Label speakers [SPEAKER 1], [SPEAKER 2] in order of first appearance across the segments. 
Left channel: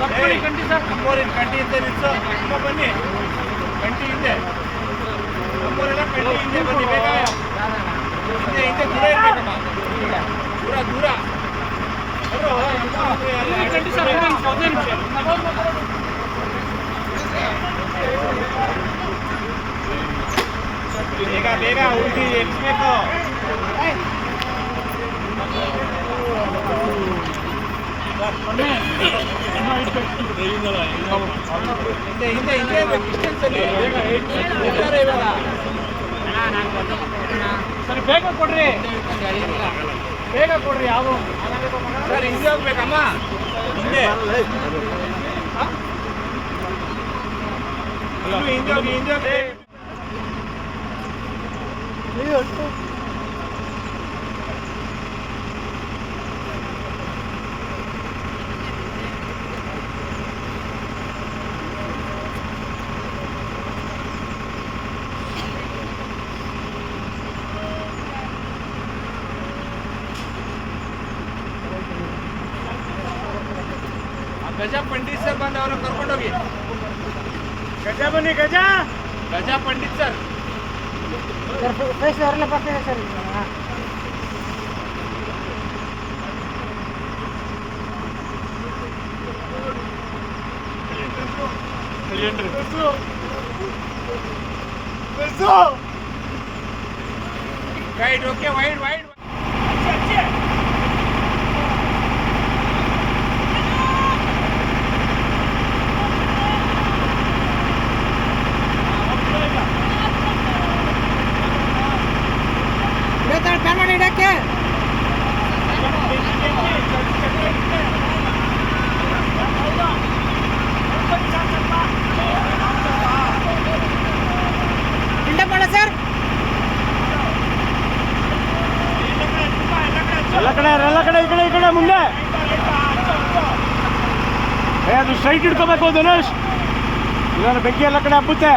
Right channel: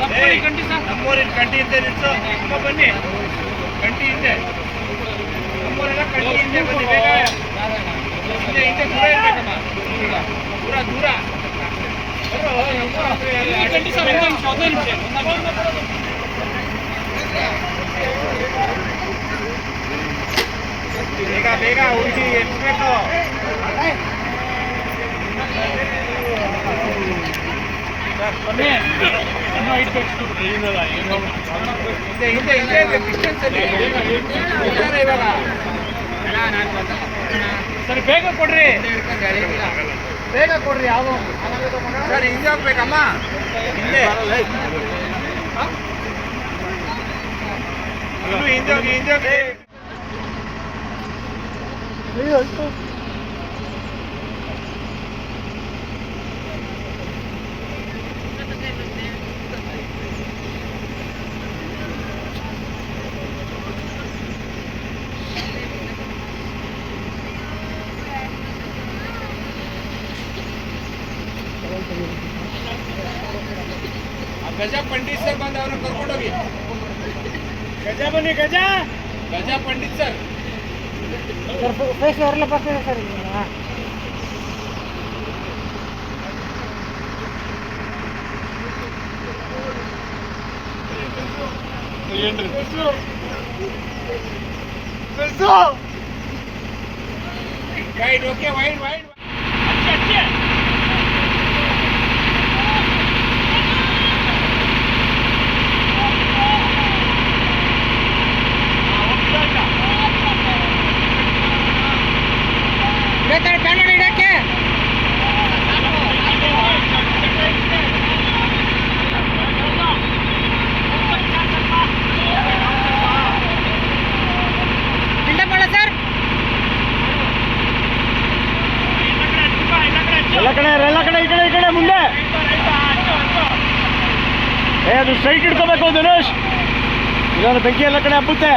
[SPEAKER 1] ಕಂಟಿ sir.
[SPEAKER 2] ನಮ್ಮೂರಿನ ಕಂಟಿ ಹಿಂದೆ ನಿಲ್ಸು. ಅಮ್ಮ ಬನ್ನಿ. ಕಂಟಿ ಹಿಂದೆ. ನಮ್ಮೂರೆಲ್ಲ ಕಂಟಿ ಹಿಂದೆ ಬನ್ನಿ. ಬೇಗ. ಹಿಂದೆ ಹಿಂದೆ ದೂರ ಇರ್ಬೇಕಮ್ಮ. ದೂರ ದೂರ. ನಮ್ಮೂರ
[SPEAKER 1] ಕಂಟಿ ಸರ್
[SPEAKER 2] ಬೇಗ ಬೇಗ ಹುಡುಗಿ ಎತ್ಬೇಕು.
[SPEAKER 1] ಬನ್ನಿ. ಸರ್ ಬೇಗ ಕೊಡ್ರಿ. ಬೇಗ ಕೊಡ್ರಿ ಯಾವ
[SPEAKER 2] ಸರ್ ಹಿಂದೆ ಹೋಗ್ಬೇಕಮ್ಮ. ಹಿಂದೆ. ಹಿಂದೆ ಹೋಗಿ ಹಿಂದೆ ಹೋಗಿ. ಗಜ ಪಂಡಿತ್ ಸರ್ ಬಂದು ಅವ್ರನ್ನ ಕರ್ಕೊಂಡೋಗಿ
[SPEAKER 1] ಗಜ ಬನ್ನಿ ಗಜ
[SPEAKER 2] ಗಜ ಪಂಡಿತ್ ಸರ್
[SPEAKER 1] ಫೇಸ್ ಅವರೆಲ್ಲ ಬರ್ತೀನಿ
[SPEAKER 3] sir wide okay wide wide ಅದು ಸ್ಟ್ರೈಟ್ ಹಿಡ್ಕೋಬೇಕು ಧನುಷ್ ಇವಾಗ ಬೆಂಕಿ ಎಲ್ಲ ಕಡೆ ಹಬ್ಬುತ್ತೆ.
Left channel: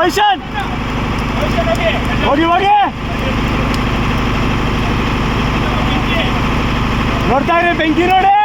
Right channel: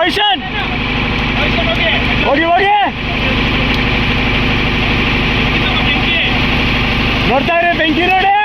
[SPEAKER 3] ಪೊಸಿಷನ್ ಹೋಗಿ ಹೋಗಿ ನೋಡ್ತಾ ಇರಿ ಬೆಂಕಿ ನೋಡಿ